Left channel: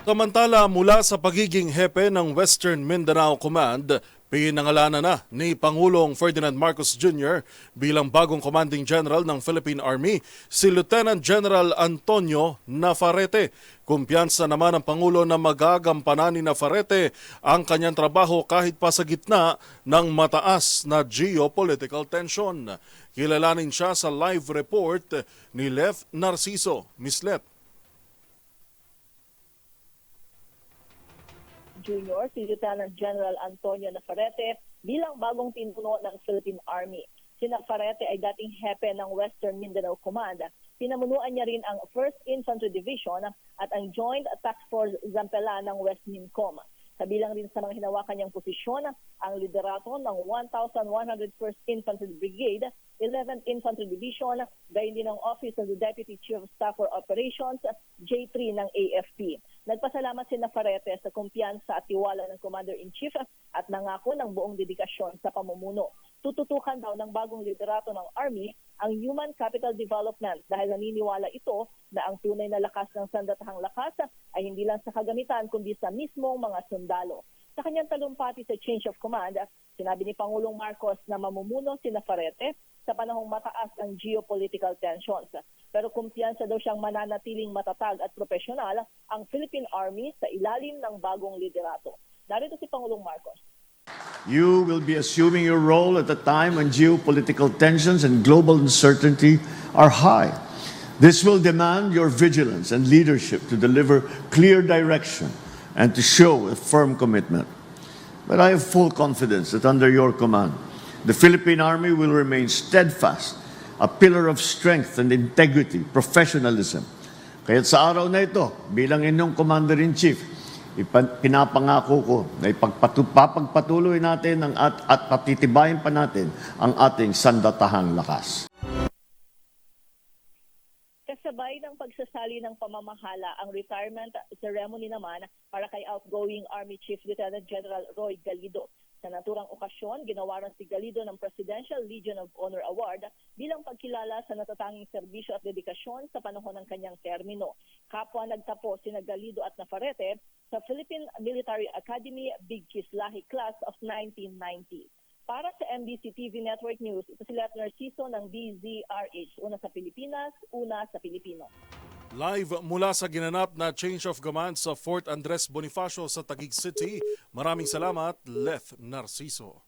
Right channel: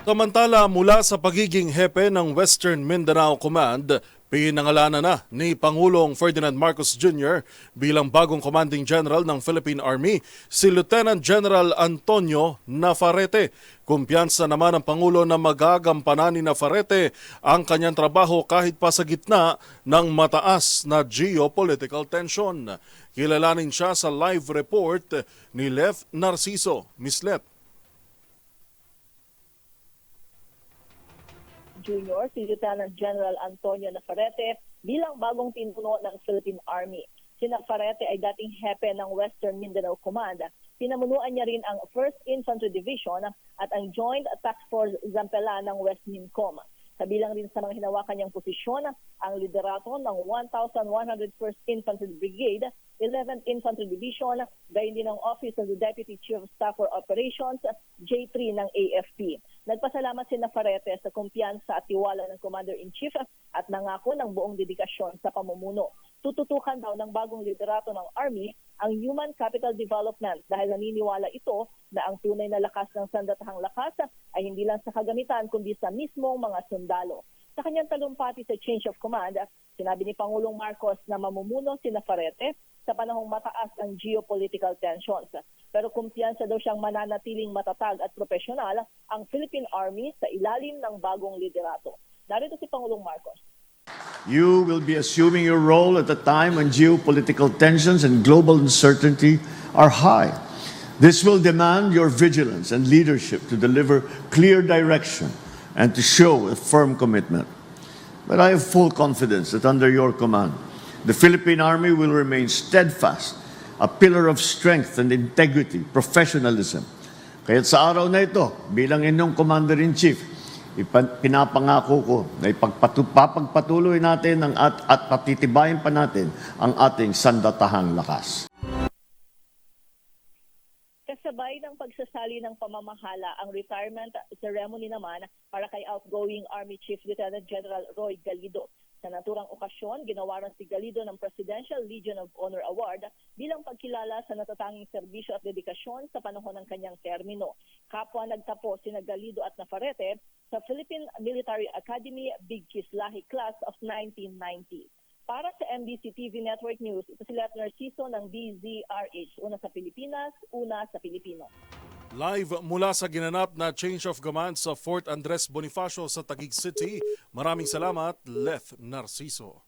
Samantala, mula sa pagiging hepe ng Western Mindanao Command, pinangalanan na ni Pangulong Ferdinand Marcos Jr. bilang bagong Commanding General ng Philippine Army si Lieutenant General Antonio Nafarrete. Kumpiyansa naman ang Pangulo na magagampanan ni Nafarrete ang kanyang trabaho kahit pa sa gitna ng mataas na geopolitical tension. Kilalanin siya sa live report ni Leth Narciso. Miss Leth. Jr. si Lieutenant General Antonio Nafarrete bilang bagong pinuno ng Philippine Army. Si Nafarrete ay dating hepe ng Western Mindanao Command. Pinamunuan niya rin ang 1st Infantry Division at ang Joint Task Force Zampela ng West Mincom. Kabilang rin sa mga hinawakan niyang posisyon ang liderato ng 1,101st Infantry Brigade, 11th Infantry Division, gayon din ang Office of the Deputy Chief of Staff for Operations, J3 ng AFP. Nagpasalamat si Nafarrete sa kumpiyansa at tiwala ng Commander-in-Chief at nangako ng buong dedikasyon sa pamumuno. Tututukan daw ng bagong liderato ng Army ang human capital development dahil naniniwala ito na ang tunay na lakas ng sandatahang lakas ay hindi lang sa kagamitan kundi sa mismong mga sundalo. Sa kanyang talumpati sa change of command, sinabi ni Pangulong Marcos na mamumuno si Nafarrete sa panahong mataas ang geopolitical tensions. Pero kumpiyansa daw siyang mananatiling matatag at profesional ang Philippine Army sa ilalim ng bagong liderato. Narito si Pangulong Marcos. You will be assuming your role at a time when geopolitical tensions and global uncertainty are high. This will demand your vigilance and leadership to deliver clear direction and to show a firm commitment. But I have full confidence that under your command, the Philippine Army will remain steadfast, a pillar of strength and integrity, professionalism. Kaya't sa araw na ito, bilang inyong Commander-in-Chief, pinapangako ko na papagpatuloy natin at patitibayin pa natin ang ating sandatahang lakas. Kasabay ng pagsasali ng pamamahala ang retirement ceremony naman para kay outgoing Army Chief Lieutenant General Roy Galido. Sa naturang okasyon, ginawaran si Galido ng Presidential Legion of Honor Award bilang pagkilala sa natatanging serbisyo at dedikasyon sa panahon ng kanyang termino. Kapwa nagtapos sina Galido at Nafarrete sa Philippine Military Academy Big Kislahi Class of 1990. Para sa MBC TV Network News, ito si Leth Narciso ng DZRH. Una sa Pilipinas, una sa Pilipino. Live mula sa ginanap na change of command sa Fort Andres Bonifacio sa Taguig City. Maraming salamat, Leth Narciso.